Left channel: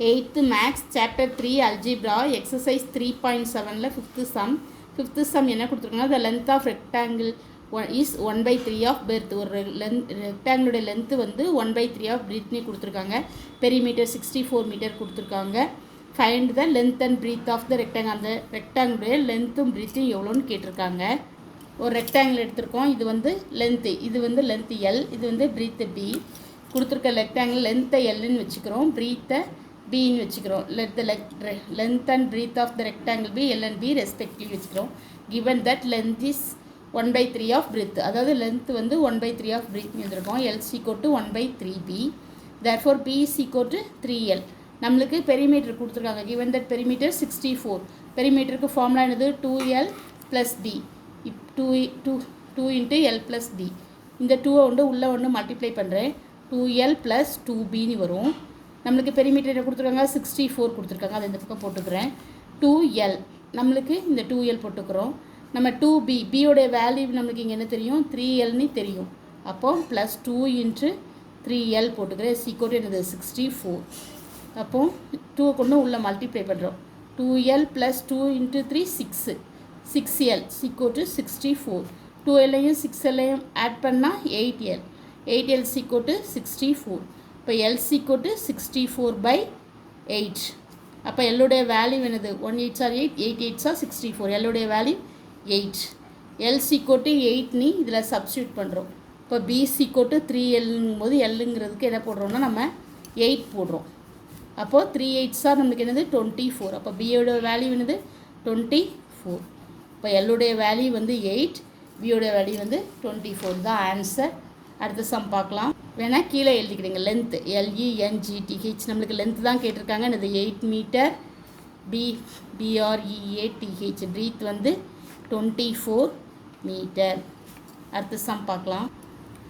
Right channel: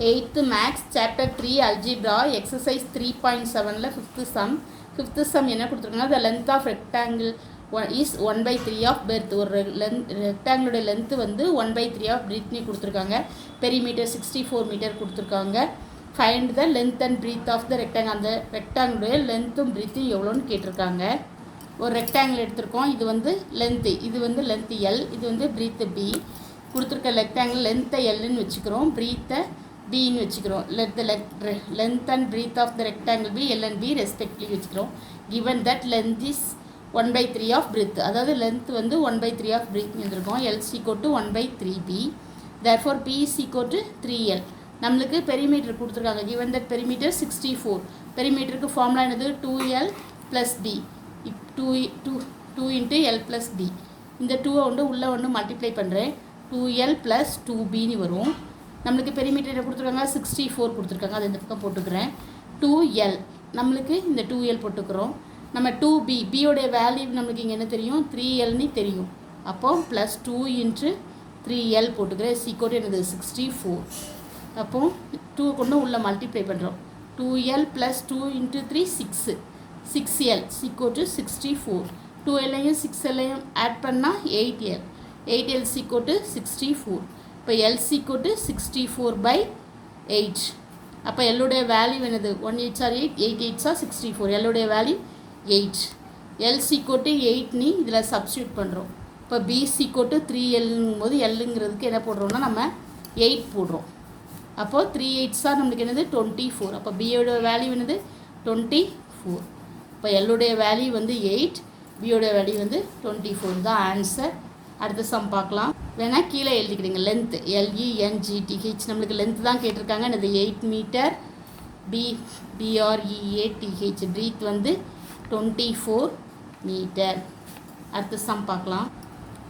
8th Maths Chapter 3 Algebra Exercise 3.7 fifth sum என்ன கொடுத்துருக்காங்கன்னா the length of rectangle is 1/3 of breadth. ஒரு ரெக்டாங்கிளோட length வந்து 1/3 of breadth கொடுத்துருக்காங்க. Perimeter 64 metre கொடுத்துருக்காங்க. Find the length and breadth of the rectangle. அந்த ரெக்டாங்கிளுடைய லென்த்தும் breadthும் எவ்வளோன்னு கேட்டிருக்காங்க. ஒரு ரெக்டாங்கிள் எடுத்திருக்கோம். இது வந்து லென்த்து, இது வந்து லென்த்து எல், இது வந்து breadth பி. கொடுத்துருக்க ரெக்டாங்கிள் லென்த்தை எல்லுன்னு வச்சுக்கிறோம், breadthை பின்னு வச்சுக்கிறோம். let the length and breadth of the rectangle be L and B respectively வச்சுக்கிறோம். given that length is 1/3 of breadth, அதாவது length வந்து 1/3 of breadth எழுதிருக்கோம். L is equal to 1/3B, therefore B is equal to 3L. நம்மளுக்கு perimeter கொடுத்துருக்காங்க. given that perimeter 64, பெரிமீட்டருக்கு formula என்னது 2L plus D, 2 into L plus D. இந்த 2 உள்ள multiply பண்ணுறேன், 2L plus 2Bன்னு வரும். நம்மளுக்கு பெரிமீட்டர் என்ன கொடுத்துருக்காங்க 64 கொடுத்துருக்காங்க, அதை இந்த பக்கம் போட்டுக்கிறேன். 2L நம்மளுக்கு இந்த 2L போட்டுக்கிறோம். நம்ம 2B, பியோடைய வேல்யூ நம்மளுக்கு இங்கே என்ன தெரியும் 3Lன்னு தெரியும். அப்போது ப்ளஸ் 2 இன்ட்டு 3L போட்டுக்கிறேன். சீக்கோட்டு என்னது 64. அப்போது 2 கொண்டு உள்ள மல்டிப்ளை பண்ணுறோம். 2L ப்ளஸ் 2 இன்ட்டு 3 6, 6L சீக்கோட்டு 64. 2Lலையும் 6Lலையும் ஆட் பண்ணால் 8L, 8L சீக்கோட்டு 64. இப்போ L equal to 64/8. அப்போ எல்லுடைய வேல்யூ என்னது 1 8s are 8, 8 8s are 64. எல்லுடைய வேல்யூ 8. L equal to 8 இதில் சப்ஸ்டியூட் பண்ணுறோம். இப்போ B equal to 3Lங்கும் போது எல்லுங்கிறதுக்கு என்ன போடுறோம்னா நம்ம 8 போடுறோம். அப்போது 3 8s are நம்மளுக்கு என்னது 24. அப்போ பியோட வேல்யூ என்னது 24. இப்போ எல்லுடைய வேல்யூ வந்து 8, பியோட வேல்யூ வந்து 24 தான் ஆன்சர். அடுத்த சம் பார்க்கலாம். வேணால் கீழே எழுதிக்கிறீங்க லென்த்து LENGTH, நம்மளுக்கு லென்த்து தான் கேட்டிருக்காங்க. இது 8 மீட்டர். BREATH, பிரீத் வந்து 24 மீட்டர். அடுத்த சம் பார்க்கலாம்.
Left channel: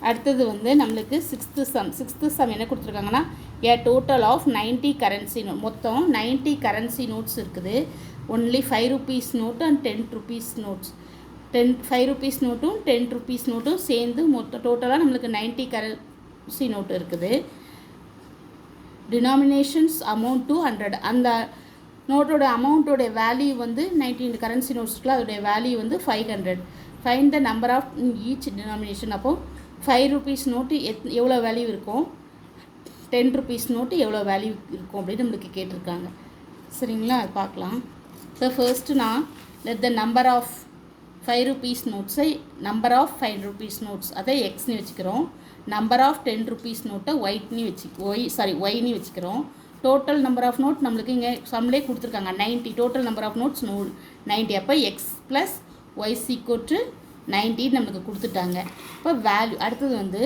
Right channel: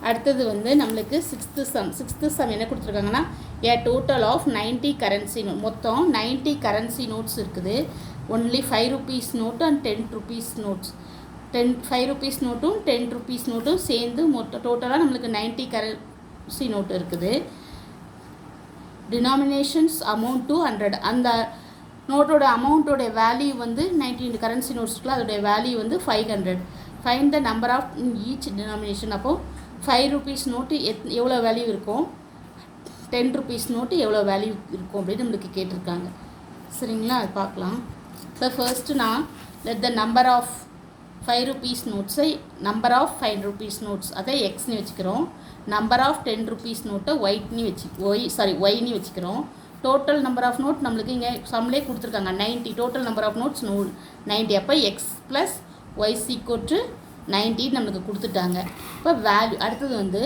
அடுத்தது வந்து நம்மளுக்கு சிக்ஸ்த்து சம் என்ன கொடுத்துருக்காங்கன்னா a total of 90 currency note. மொத்தம் 90 கரன்சி நோட்ஸ் இருக்குது. Only 5 rupees note and 10 rupees notes. 5 rupees நோட்டும் 10 rupees நோட்டும் சேர்ந்து மொத்தம் டோட்டலாக நம்மளுக்கு 90 கரன்சி நோட்டு இருக்குது. Denominations amount to 100. அந்த நோட்டோட அமௌண்ட்டோட வேல்யூ வந்து 19 கரன்சி நோட்ஸ்க்குள்ள அதோடைய வேல்யூ வந்து 500. Find the number of each denomination. அப்போது 5 rupees நோட்டு எவ்வளோ வேல்யூ இருக்கும், 10 rupees நோட்டு எவ்வளோ வேல்யூ இருக்கும் அப்படின்னு நம்மளுக்கு கேட்டிருக்காங்க. சரிங்களா, அது பார்க்கலாம். இப்போ ஃபர்ஸ்ட்டு நான் let the number of 5 rupees நோட்ஸை நம்பர் ஆஃப் 5 rupees நோட்ஸ் அதை எக்ஸ்னு வச்சுக்கிறோம். நம்பர் ஆஃப் 10 rupees நோட்டை ஒய்னு வச்சுக்கிறோம். டோட்டல் நம்பர் ஆஃப் நோட் நம்மளுக்கு இங்கே சம்லே கொடுத்துருக்காங்க 90. Total number of notes 90. அப்போ எக்ஸ் ப்ளஸ் ஒய் சீக்கோட்டு 90 நம்மளுக்கு கொடுத்துட்டாங்க. இப்போ வேல்யூ அடுத்தது வந்து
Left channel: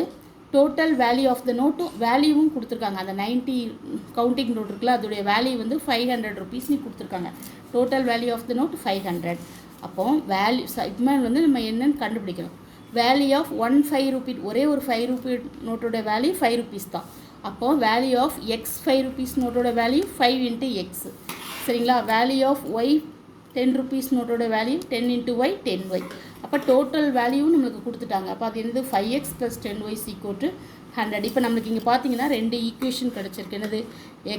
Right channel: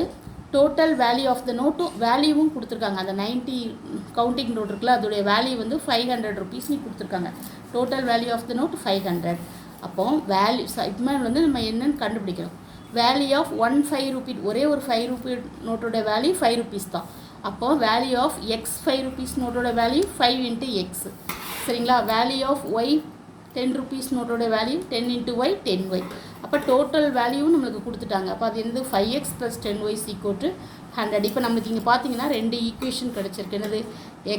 டோட்டல் வேல்யூ ஆஃப் த நோட்டும் வேல்யூவும் கொடுத்துருக்காங்க. அந்த 90 கவுண்டிங் நோட் இருக்குல்ல அதோடைய வேல்யூ வந்து 500 rupeesனு கொடுத்துருக்காங்க. Total value of the note 500. அப்போது வேல்யூ இப்போ வந்து நம்ம என்னென்னு கண்டுபிடிக்கிறோம். வேல்யூ ஆஃப் 5 rupee, ஒரே ஒரு 5 rupee நோட்டோட வேல்யூ 5 rupees தான். அப்போது வேல்யூ ஆஃப் எக்ஸ் 5 rupees நோட்டோட வேல்யூ 5 into x. சரிங்களா, வேல்யூ ஆஃப் ஒய் 10 rupees நோட்டோட வேல்யூ 10 into y 10y. அப்போ டோட்டல் வேல்யூவும் நம்மளுக்கு கொடுத்துட்டாங்க. அப்போ அது என்னது 5x + 10y = 100. இப்போ நம்மளுக்கு இங்கே பார்த்தீங்கன்னா 2 ஈக்குவேஷன் கிடச்சிருக்கு. என்னது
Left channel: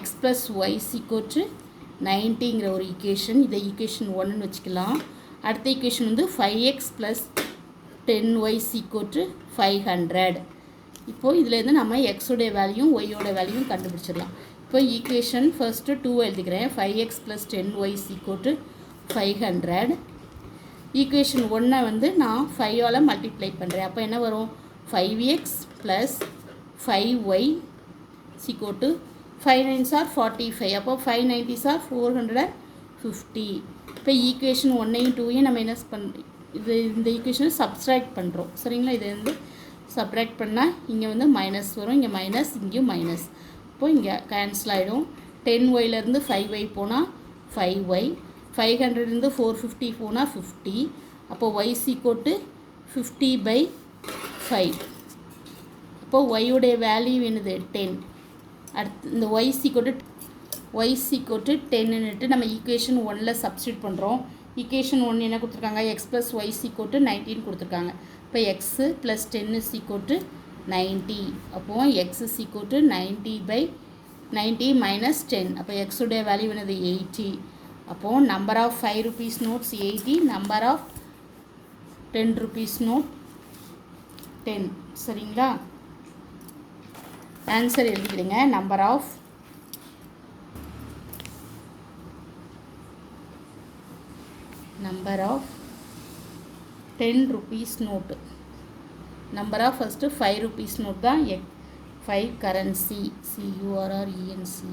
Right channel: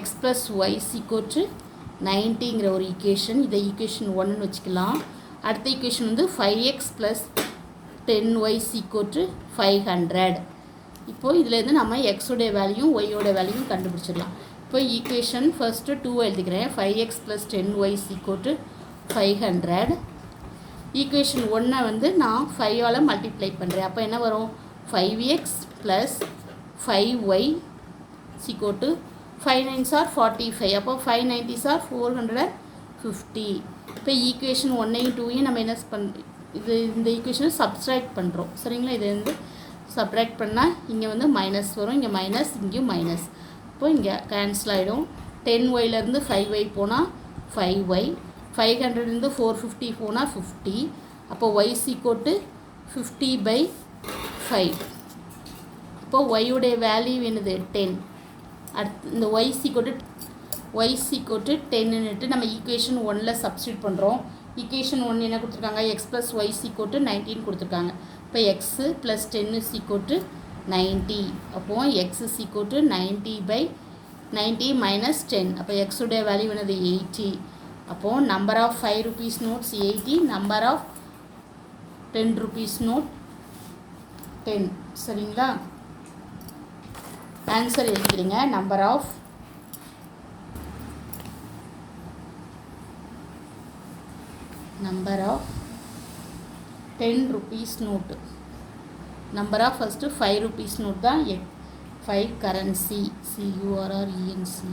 x + y = 90ங்கிற ஒரு ஈக்குவேஷன். இதை ஈக்குவேஷன் 1ன்னு வச்சுக்கலாம். அடுத்த ஈக்குவேஷன் வந்து 5x + 10y = 500. இப்போது இதிலேருந்து நம்ம எக்ஸோடைய வேல்யூவும் ஒய்யோட வேல்யூவும் கண்டுபிடிச்சிடலாம். இப்போ ஈக்குவேஷன் ஃபர்ஸ்ட்டு 2 எழுதிக்கிறேன். 5x + 10y = 500. ஈக்குவேஷன் 1 வந்து நான் 5ஆல் மல்டிப்ளை பண்ணுறேன். அப்போ என்ன வரும் 5x + 5y = 5 9s are 45. அப்போ 5 90s are 450. இப்போ ஈக்குவேஷன் 1ஐயும் 2ஐயும் நம்ம என்ன இந்த ஈக்குவேஷனை சப்ஸ்ட்ராக்ட் பண்ணுறோம். சரிங்களா, இது வந்து சப்ட்ராக்ட் பண்ணால் இங்கே வந்து மைனஸ் வரும், இங்கே மைனஸ், இங்கேயும் மைனஸ். இப்போது இங்கே கேன்சல் ஆகிடும். 10yலேருந்து 5y போனால் 5y, 500லேருந்து 450 போனால் 50. அப்போது y = 50/5. அப்போது ஒய்யுடைய வேல்யூ என்னது 10. அடுத்து இந்த y = 10ன்னுட்டு நம்ம ஈக்குவேஷன் 1ல் சப்ஸ்டியூட் பண்ணுறோம். ஈக்குவேஷன் 1 என்ன கொடுத்துருக்காங்க x + y = 19 கொடுத்துருக்காங்க. இப்போ x + 10 = 90. அப்போது x = 90/10 90 minus 10. அப்போ x உடைய வேல்யூ என்னது 80. அப்போது number of 5 rupees notes 80, number of 10 rupees note 10. சரிங்களா? ஆன்சர் எழுதிடுங்க. Number of 10 rupees note. Number of first 5 rupees note தான் 5 கரன்சி CURRENCE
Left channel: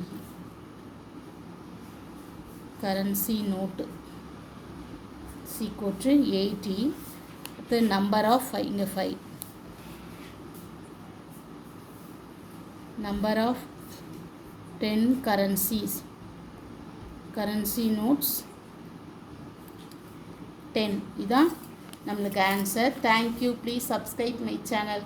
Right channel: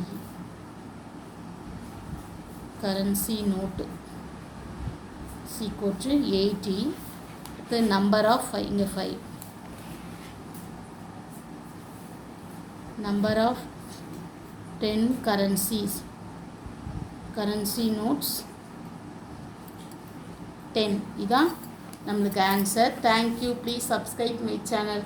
கரன்சி நோட்டு = 80. அடுத்து நம்பர் ஆஃப் 5, இங்கே 5, number of 10 currencies currency notes 10. இதான் நம்மளுக்கு answer. Thank you. Please subscribe my channel.